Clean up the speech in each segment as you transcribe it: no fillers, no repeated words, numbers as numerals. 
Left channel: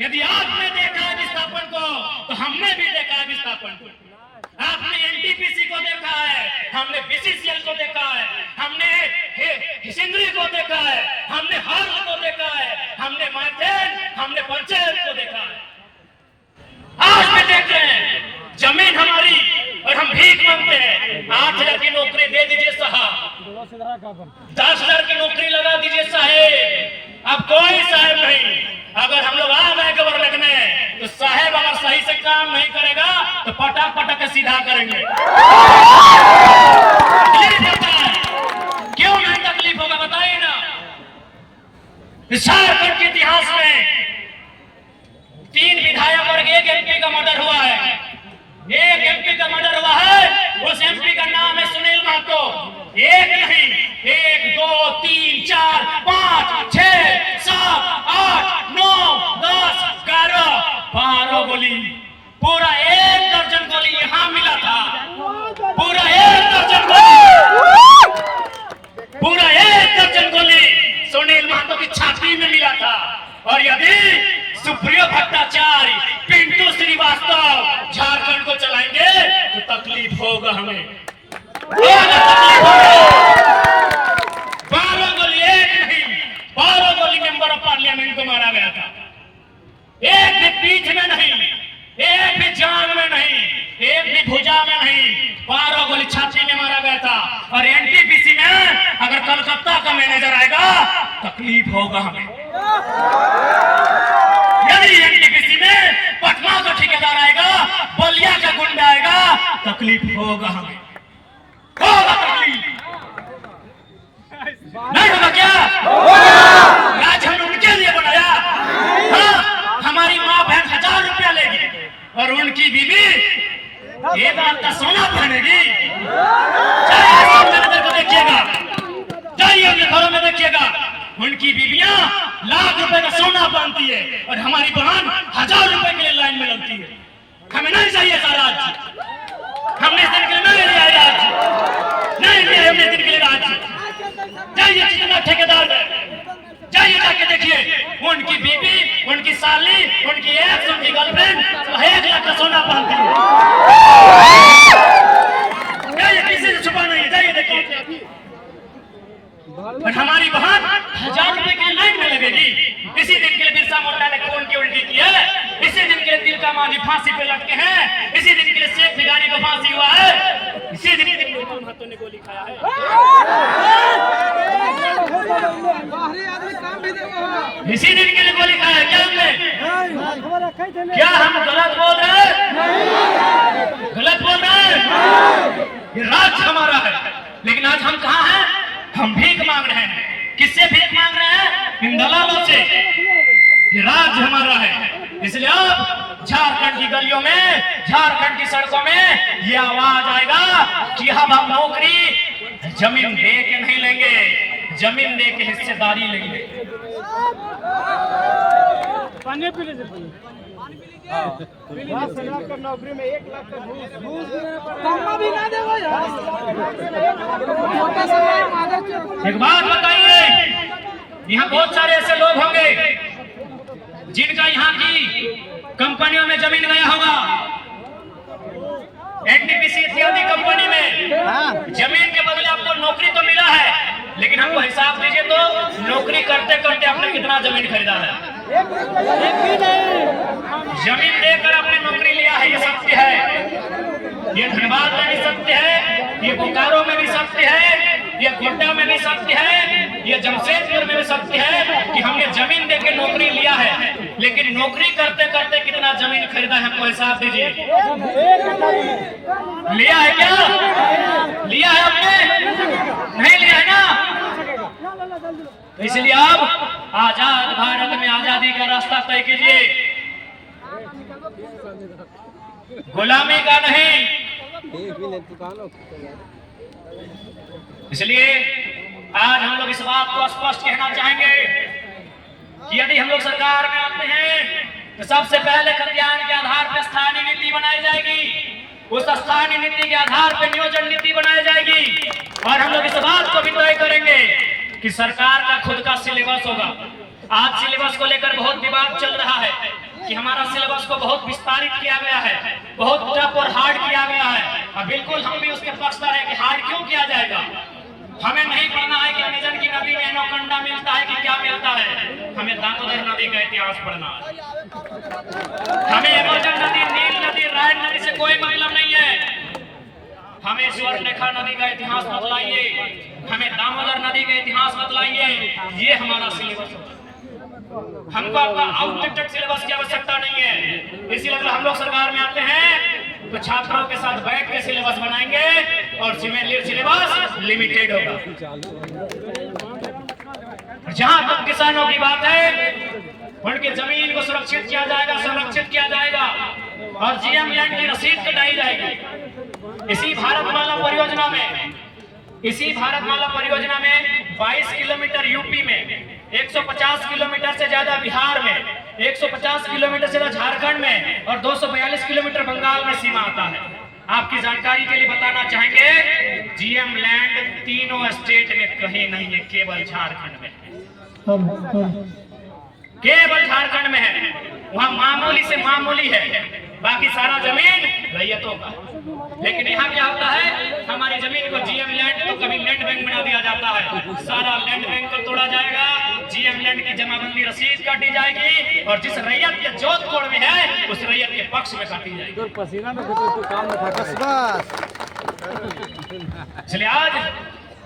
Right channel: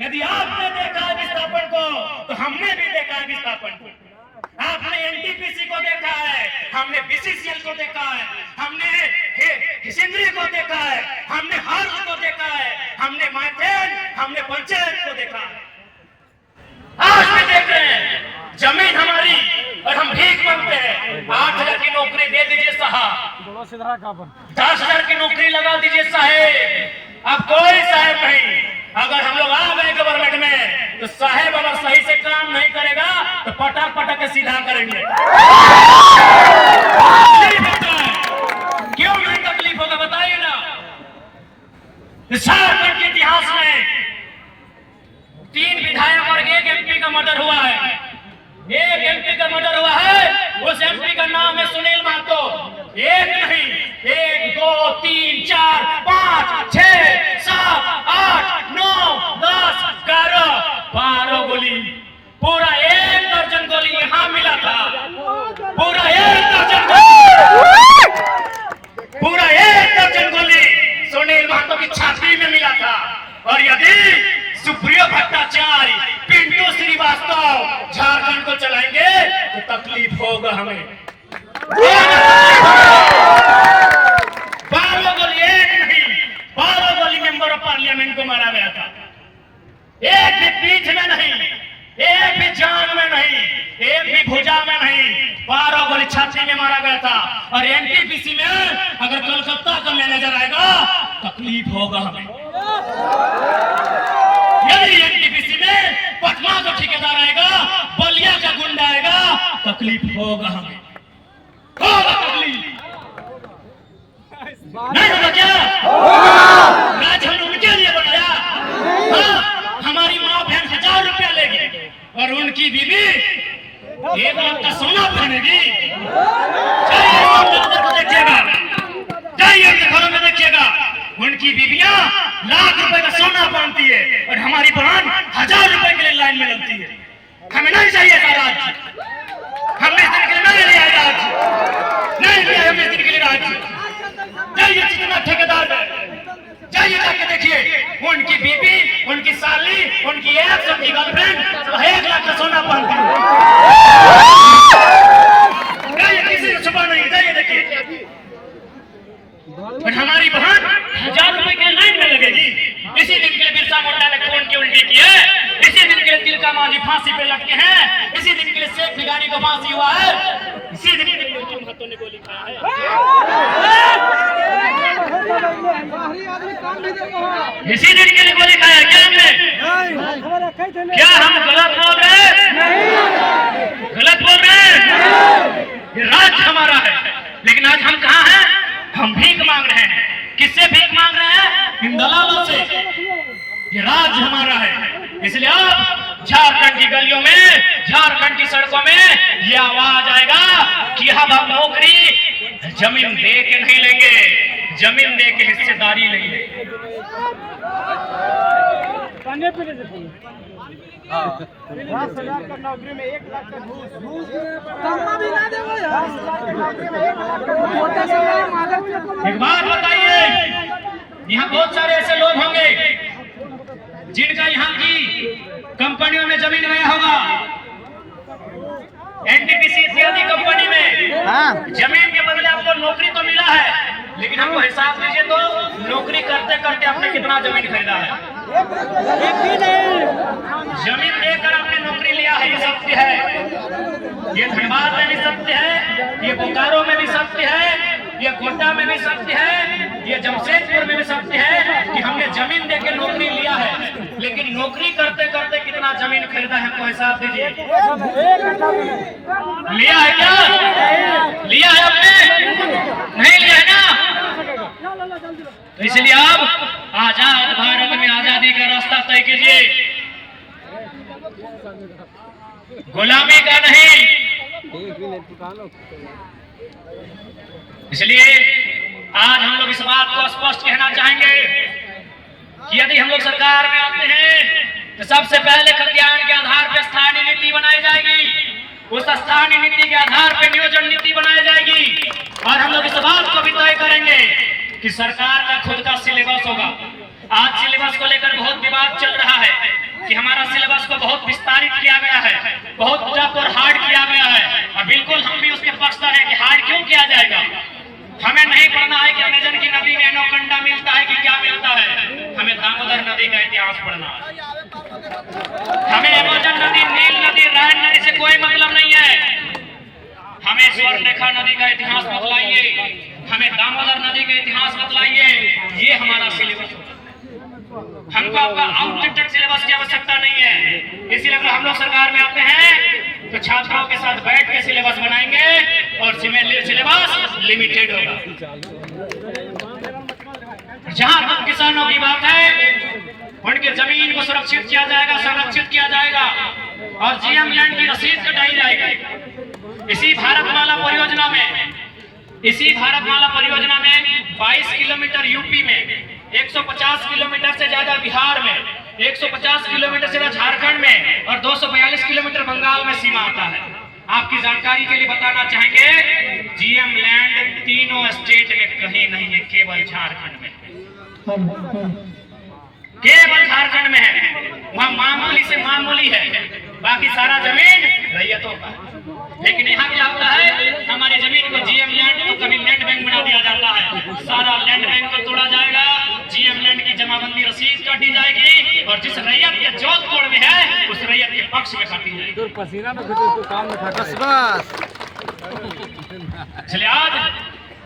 यदि आपने देखा है विस्थापन को तो हमने भी देखा है विस्थापन को। आपने एनटीपीसी को देखा है, हमने बीसीसीएल को देखा है, हमने हिसिंद्री को देखा है, हमने हाल को देखा है, हमने माइथेन, हमने पंचायत को देखा है। आज भी देख रहे हैं जमीन हमारी और हम भीख मांगते हैं। 8,000 की नौकरी दे दीजिए साहब, 10,000 की नौकरी लगा दीजिए साहेब। अब कोई साहेब नहीं। अगर हम लोग आ गए गवर्नमेंट में तो साहेब अगर सही से काम नहीं करेगा तो पटक पटक के सीधा करेंगे। क्यों नहीं तकलीफ होगा बताइए ना। झारखंड के इतिहास में 3 विधायक और 1 एमपी का मर्डर हुआ है। 1 एमपी का मर्डर हुआ है, उस एमपी का नाम है सुनील महतो। 1 नहीं, 1 2 3 4 5 6 7 8 9 10 11 12 गोली, पूरा 1 दर्जन गोली यहाँ मिला था। पूरा 1 दर्जन गोली, पूरा 1 दर्जन गोली सुनील महतो की छाती में मिला था। और यदि सुप्रियो भट्टाचार्य, पिंटू श्रीवास्तव झारखंड को चलाएंगे तो तकलीफ होगा हमें। 12 गोली, 1 नहीं 12 गोली मेंबर ऑफ पार्लियामेंट को मारा गया था। 1 भी पीठ में नहीं, 1 भी जांग में नहीं, 1 भी भुजा में नहीं, 12 गोली छाती में मारा गया था। और एनटीपीसी में अगर कलकत्ता का मैनेजर आएगा तकलीफ होगा हमें। यदि एनटीपीसी में पटना का ठेकेदार आएगा, बलिया का गुंडा आएगा, तकलीफ होगा हमें। होगा तकलीफ, नहीं होगा क्या? राजन उनके लिए बनाया। हाँ, हमारी माँ बहन 1000 रुपया लेगी और उनकी बीवी 1 लाख का सोना पहनेगी। जाइए को देखिएगा, जाइए अपने घरों में देखिएगा, उनकी बीवियां लाख रुपए का सोना पहनती है और हमारी बहन 1000 रुपए के लिए लाइन में लगती है। हमें नहीं चाहिए था राज्य, हमने इस दिन के लिए नहीं लिया राज्य, नहीं लिया हमने इस दिन के लिए राज्य। जाइए जितना ठेकेदार में, जाइए जाके देखिए उनकी बीबी, उनकी साली, उनकी एक्स, उनकी गर्लफ्रेंड 1 लाख का सोना पहनती है। जाइए, किसी से छुपा नहीं, जाइए देखिए। और हमारी बहन 1000 रुपए के लाइन में लगेगी। इसी दिन के लिए बिरसा मुंडा ने खून की उल्टी की है, इसी दिन के लिए तिलका मांझी फांसी पे लटके हैं, इसी दिन के लिए शेख भिखारी को फांसी हुआ है, इसी दिन के लिए महतो ने गोली खाया है। इसी दिन के लिए गोली खाया क्या हमने? क्या हम गलत बोल रहे हैं? गलत बोल रहे हैं? ये राज्य हमारा है, लेकिन आज हम कहाँ हैं? हम भीख मांग रहे हैं। किससे भीख मांग रहे हैं? इन दलालों से। ये राज्य हमारा है, इसलिए अब झारखंड की गलियों में, झारखंड की सड़कों में ये आवाज आएगा कि हम नौकरी जमीन दे के नहीं लेंगे, जमीन दे के हिस्सेदारी लेंगे। नौकरी में 1 लाख का घूस एक बात बताइए, यहाँ बहुत सारे ऐसे लोग होंगे जिनका यहाँ की कंपनियों में जमीन गया होगा, एनटीपीसी इत्यादि कंपनी में जमीन के बदले आपको नौकरी तो मिला है, लेकिन आपको हिसाब दीजिए तो नौकरी करते करते आपने कितना जमीन खरीदा है। जमीन देकर आपने नौकरी लिया है, ये सत्य है। ये धनबाद में भी सत्य है, ये बोकारो में भी सत्य है, ये गोड्डा में भी सत्य है, ये जमशेदपुर में भी सत्य है कि हमने जमीन देकर नौकरी लिया है, लेकिन नौकरी करते करते कितना जमीन खरीदा है हमको हिसाब दीजिए। लिया है क्या? लिया है आपने? नहीं लिया है ना? तो इसलिए अब आजाद भारत में आजादी का रास्ता तय कीजिए, गुलामी का नहीं। इसलिए आज हम लोग इस बात को स्पष्ट कहना चाहेंगे कि यदि हम लोग सरकार में आते हैं तो सबसे पहले कल्याण के आधार पर स्थानीय नीति बनाई जाएगी, उस स्थानीय नीति के आधार पर नियोजन नीति बनाई जाएगी, और हम लोग इस बात को भी तय करेंगे कि सरकार का खुद का सिलेबस होगा। आज सिलेबस को लेकर बहुत विवाद चल रहा है। कि हमारा सिलेबस को बहुत विस्तारित किया गया है, बहुत टफ और हार्ड किया गया है। और बिल्कुल हम भी उसके पक्षधर हैं कि हार्ड क्यों किया जाएगा। हमें नहीं पढ़ना है कि अमेजन की नदी में एनोकंडा मिलता है कि क्या मिलता है, हमें दामोदर नदी का इतिहास पढ़ना है। हमें अमेजन नदी, नील नदी, रायन नदी से कोई मतलब नहीं है। हमें स्वर्णरेखा नदी का इतिहास बतलाइए, हमें दामोदर नदी का इतिहास बतलाइए। ये हमारा सिलेबस है। हमको आपका आउटडेटेड सिलेबस की आवश्यकता नहीं है। इसीलिए अगर हम लोग सरकार में आते हैं तो छात्रों के साथ बैठ के सिलेबस बनाएंगे और सिलेबस लिमिटेड होगा। जहां तक किसानों की बात है, उनकी जमीन को सुरक्षित किया जाएगा, संरक्षित किया जाएगा और जीएम लैंड की रसीद कटाई जाएगी। इसी भारतमाला परियोजना में 22 किलोमीटर यूपी में, 150 किलोमीटर से ज्यादा बिहार में, 150 किलोमीटर से ज्यादा झारखंड में और 242 किलोमीटर बंगाल में सीमा आता है। आपकी जानकारी के लिए बताना चाहेंगे, जीएम लैंड तीनों स्टेट में कहीं नहीं है, केवल झारखंड में, केवल झारखंड में है। वहां मामूली से मामूली है, बाकी सारा जमीन रैयतों का। लेकिन यहाँ क्या होता है, हमारी जमीन को जीएम लैंड तो कभी लैंड बैंक बना दिया जाता है, सारा लैंड बैंक को तोड़ा जाएगा, जीएम लैंड की जमाबंदी रसीद काटी जाएगी और जिस रैयत के जोधपुर में है उस रैयत के पक्ष में काटी जाएगी। पसीना न तो काम न था। इसलिए आज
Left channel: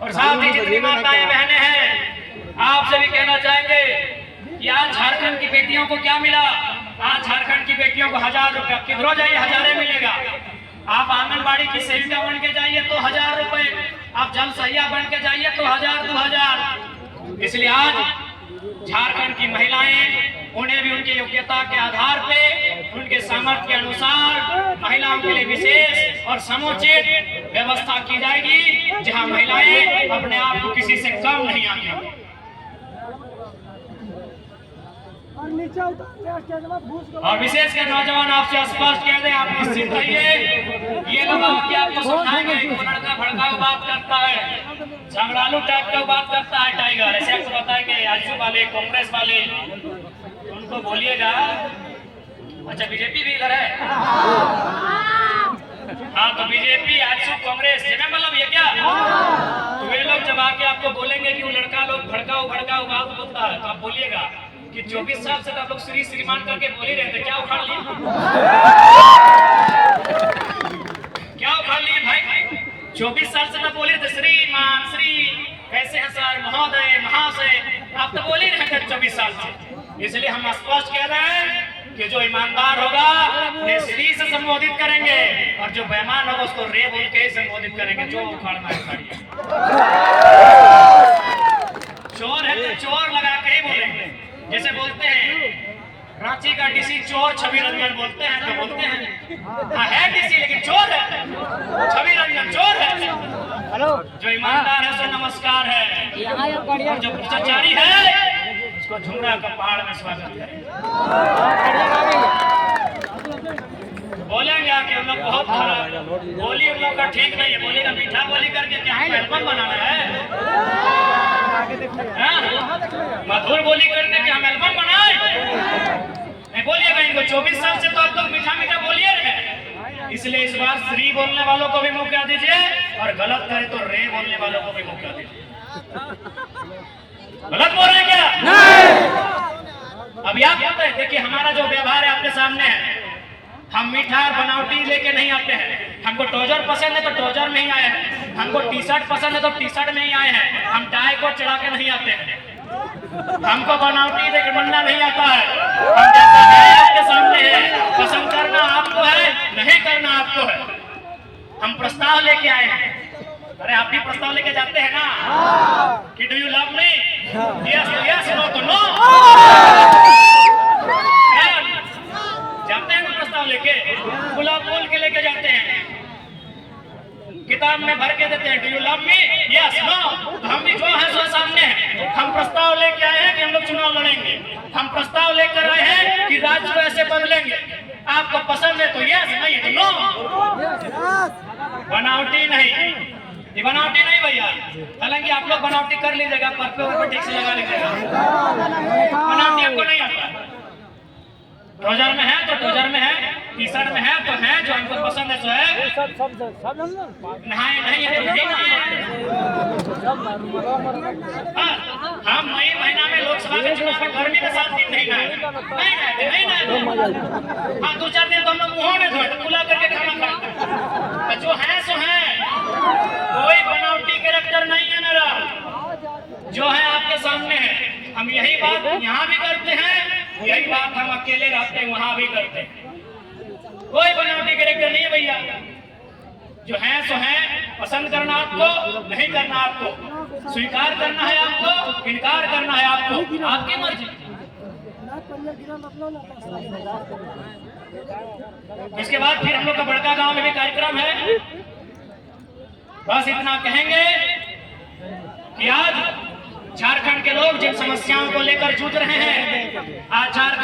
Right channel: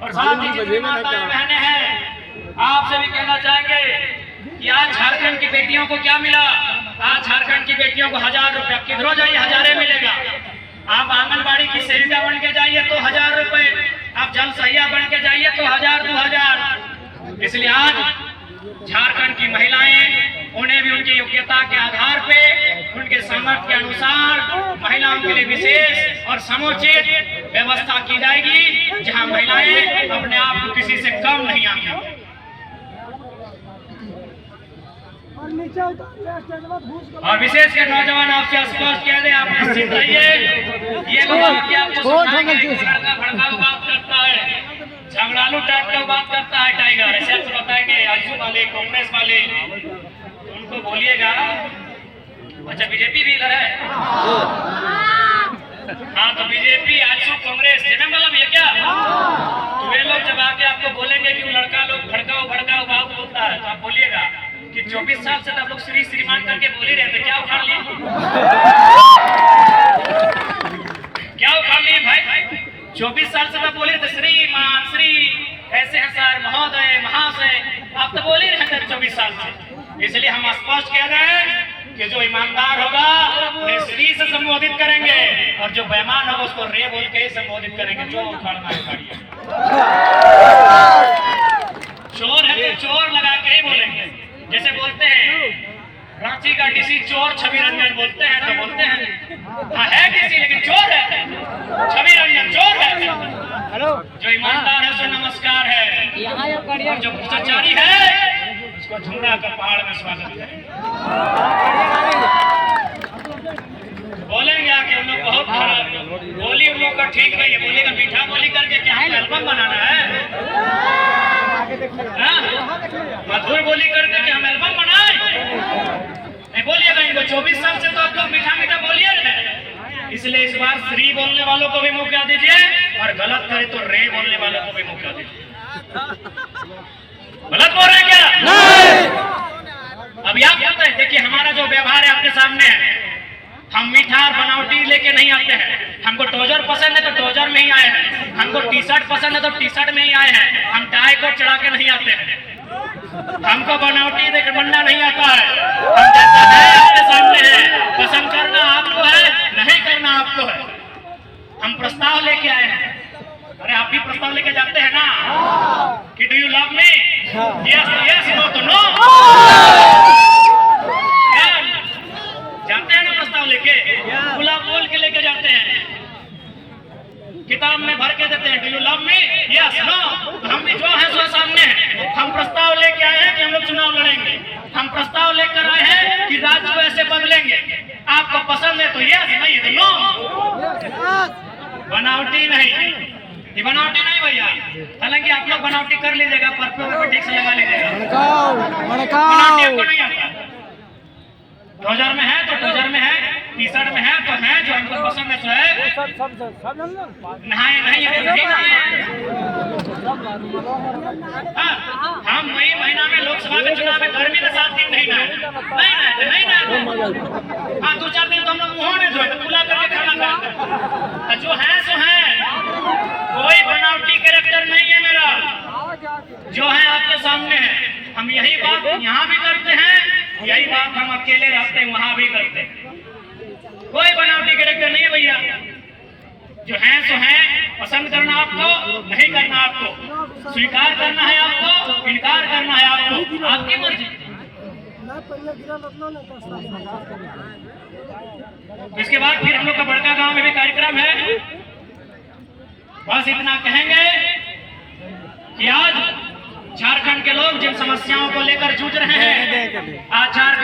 और साथ ही जितनी माताएं बहनें हैं, आपसे भी कहना चाहेंगे कि आज झारखंड की बेटियों को क्या मिला। आज झारखंड की बेटियों को 1000 रुपया, किधरों जाइए हजारे मिलेगा। आप आंगनबाड़ी की सेविका बन के जाइए तो 1000 रुपए, आप जल सहिया बन के जाइए तो 1000 2000। इसलिए आज झारखंड की महिलाएं, उन्हें भी उनकी योग्यता के आधार पे, उनके सामर्थ्य के अनुसार महिलाओं के लिए विशेष और समुचित व्यवस्था की जाएगी, जहां महिलाएं अपने आप को किसी से कम नहीं आंकेंगी। और विशेष कर नौजवान आपसे स्पष्ट कह दें, आप निश्चित रहिए, ये लोग आपको समझाएंगे कि वो लड़का भड़काऊ बात करता है, झगड़ालू टाइप का बात करता है टाइगर, ऐसे आपको बताएंगे। आजू वाले, कांग्रेस वाले, तो उनको बोलिएगा, अच्छा बीजेपी भी इधर है, हाँ तो बीजेपी, आजू, कांग्रेस से मतलब ये क्या, तो वे लोग जब आके आपको बोलेंगे कि वो लड़का लोग भड़काऊ बात बोलता है, तो आप बोलिएगा कि 24 साल से आप लोग श्रीमान करके बोल ही रहे थे, क्या उखाड़ लिए, क्या उखाड़ लिए भाई। 24 साल से मैं बोल रहे थे श्रीमान, श्री ऐसे हैं सर, महोदय, महाशय, आप तो बोल ही रहे थे 24 साल से। इसलिए हम स्पष्ट कह रहे हैं कि जो ईमानदार होगा उन्हें श्री से संबोधित करेंगे और जो बेईमान होगा उसको रे बोल के ही संबोधित करेंगे। जो उखाड़ना है उखाड़िए, चोर है तो चोर लगा के ही बोलेंगे। जैसे बोलते हैं रांची का डीसी चोर छवि रंजन, बोलते हैं तो बोलते हैं हाँ है डीसी लेकिन चोर है, छवि रंजन चोर है। हेलो, जो ईमानदार है उसको नमस्कार है, और जो भ्रष्टाचारी है उसको झुमरा का पहाड़ में स्वागत है। बोलेंगे कि उन लोग बहुत खराब बोली, उन लोग का ठीक नहीं है, बोलेगा मीठा बोली करके क्या एल्बम बनाना है, मधुर बोली करके कि हम एल्बम बनाए, नहीं बोलिएगा इनको। 24 साल से तो आप लोग मीठा मीठा बोलिए रहे। इसलिए इस बार श्री बोलने वालों को भी मौका दीजिए और गलत करे तो रे बोलने वालों को भी मौका दीजिए। गलत बोल रहे क्या? नहीं। अभी आप कहते हैं, देखिए हमारा जो व्यवहार है आपके सामने है, हम मीठा और बनावटी लेके नहीं आते हैं। हमको ट्राउजर पसंद है तो ट्राउजर में ही आए हैं, हमको टी शर्ट पसंद है तो टी शर्ट में ही आए हैं। हम टाई को चढ़ा के नहीं आते हैं, हमको बनावटी बनना नहीं आता है। हम जैसा है आपके सामने है, पसंद करना आपको है, नहीं करना आपको है। हम प्रस्ताव लेके आए हैं। अरे आप भी प्रस्ताव लेके जाते हैं ना कि do you love me, yes yes, no तो नो, जाते हैं ना प्रस्ताव लेके, गुलाब बोल के लेके जाते हैं, किताब में भर के देते हैं do you love me, yes no. हम भी जो है सो सामने हैं। हम प्रस्ताव लेके आए हैं कि हम लोग चुनाव लड़ेंगे, हम प्रस्ताव लेकर आए हैं कि राज्य को ऐसे बदलेंगे। आपको पसंद है तो यस, नहीं तो नो। बनावटी नहीं, ये बनावटी नहीं भैया। हालांकि आप लोग बनावटी कर लीजिएगा, पर पे ठीक से लगा लीजिएगा, बनावटी आपको नहीं आता। ट्राउजर में है तो ट्राउजर में है, टी शर्ट में है तो है, जो हमको पसंद है सो है। नहाए नहीं है तो नहीं है। हाँ, हम मई महीना में लोकसभा के चुनाव में गर्मी के साथ नहीं नहाए। हाँ, 2-4 दिन तो हम लोग मुँह नहीं धोए, तो खुला करके खाना खाते। तो जो है सो है, कोई बनावटी कैरेक्टर नहीं है मेरा, जो है आपके सामने है। हम यही बात यहाँ भी करते हैं, यही बात हम अकेले रहते हैं वहां भी करते हैं। कोई बनावटी कैरेक्टर नहीं है भैया, जो है सो है। पसंद करना आपको, नहीं करना आपको, स्वीकार करना है आपको, इनकार करना है आपको, आपकी मर्जी। इसके बाद फिर हम लोग का बड़का गांव में भी कार्यक्रम है। बस इतना कहेंगे कि आज झारखंड के लोग जिन समस्याओं को लेकर जूझ रहे हैं, आज झारखंड